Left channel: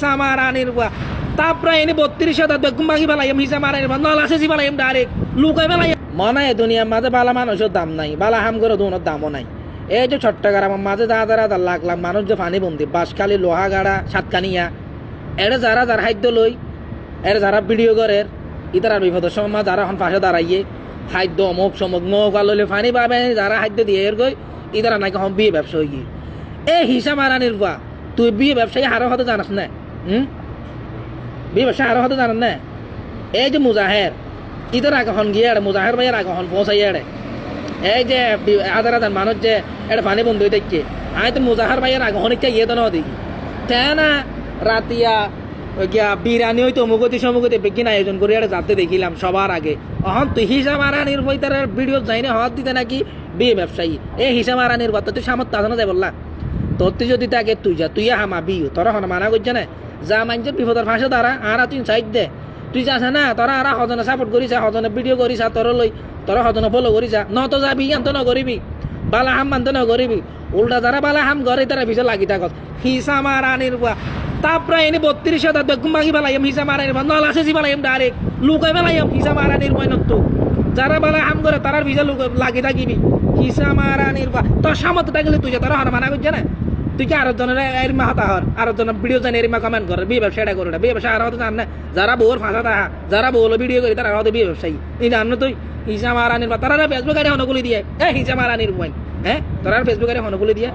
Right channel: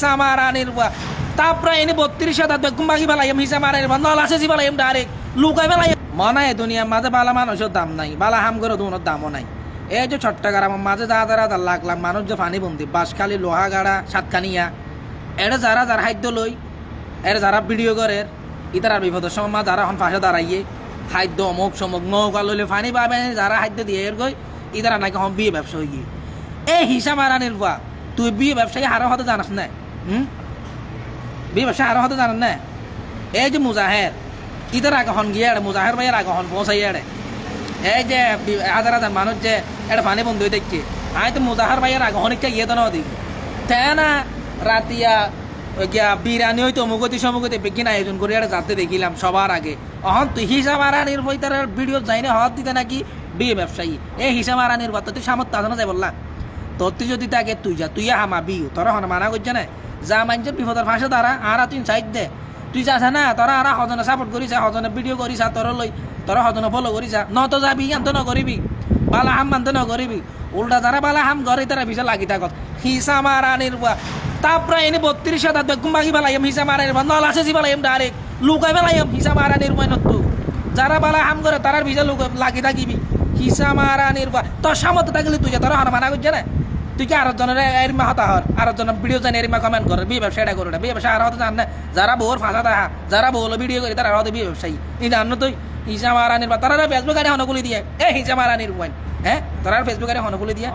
হিসা মারানির বা তারপরে এনে 32,000 বেগুন বাকি ফেলাইম হিসা মারানির বা নলাসে ফেলাইম ডাইরেক্ট লুকাই ফেলাই মনে হয় দুনিয়ার মাঝে বালা মানুষের দাম নাই বালা হাম করে দুনোর দামও নাই এই যে চট্টগ্রামের মাঝে হাজার লাখ লাখ মানুষ যে পানি বন্দি বাঁশখালী লোহাগাড়া সাতকানিয়া এরা যারা যারা খাদ্য লই এরা যারা ভিডিও করে ইতার বিপদের সময় যারা এখন পাশে দাঁড়াইয়ে খাদ্য অমুক সমুক নৌকা লইলে পানি পাবে যারা খাদ্য দিয়ে এর গই ইতারা নাকি হন বিয়ে ব্যবসা হয়ে এই হিসা মারানির বা তুই বিয়ে ব্যবসায়ী হারো হতে জানাস না বিয়ে ব্যবসা হারো হতে জানাস না এই যে মুজাহের ইতার আগে হন গিয়ে মুজাহের ভাইয়ের আগে হন পৌঁছাই এড়ে এই যে হাজার হাজার মানুষ যে এটা পানি বন্ধ হয়ে দেখছে আমি তো মুজাহার ভাইয়ের আগে অনেকটা ইয়ে তো না দেখি তাই না রাতিয়া গিয়া বিরিয়ানি হয়তো অমুকতি সমুকতি বেগিন আয়োজন করে এটা যাতে দেখিলাম সবার আগে অহন তুই হিসাব মারানির বই তার ভিডিও যাই না হওয়ার দিতে নাকি বিয়ে ব্যবসায়ী এই হিসাব মারানির কথা তুই সামর্থ্য আছে না যাই বললা তোর তুই যদি তাকে তুই হামা বিয়ে তোরা হন মানা করছে না যা মানছে বিপদের ফাঁসে দাঁড়া আর তুই সাইড দে তুই যাস না তোরা আর হজনে সাপোর্ট করিস হজনে ভিডিও করিস তোর লই তোরা হজনে ফলো করিস নত যাবি আন্ত ন করিবি বালা হাম মানতে ন করিবি উল্টা যারা বালা হাম করে তারা পিছিয়ে লাগি থাকত হিসা মারানির তারপরে এনে 32,000 বেগুন বাকি ফেলাইম হিসা মারানির বা নলাসে ফেলাইম ডাইরেক্ট লুকাই ফেলাইম হিসা মারানির নতো যারা বালা হাম করে তারার পিছিয়ে লাগি থাকিবি হিসা মারানির তোর সামর্থ্য থাকলে তুই তারা হন মানা করছে না তুই কি আরো জনের এরিমা হতা হর আরো জনের ভিডিও জানি এরিমা কমেন্ট করে বিয়ে ব্যবসা এটা করে বিয়ে ব্যবসা আর হতে জান না যারা বউর ফাঁসা দেখা যারা বউলো ভিডিও করি তারা হতে বিয়ে ব্যবসায়ী এই জানো তুই হিসা মারানির বা তারা ফেসবুক আরে হনগুলি দিয়ে হিসা মারানির হ্যাঁ তারা ফেসবুক আরে হনগুলি দিয়ে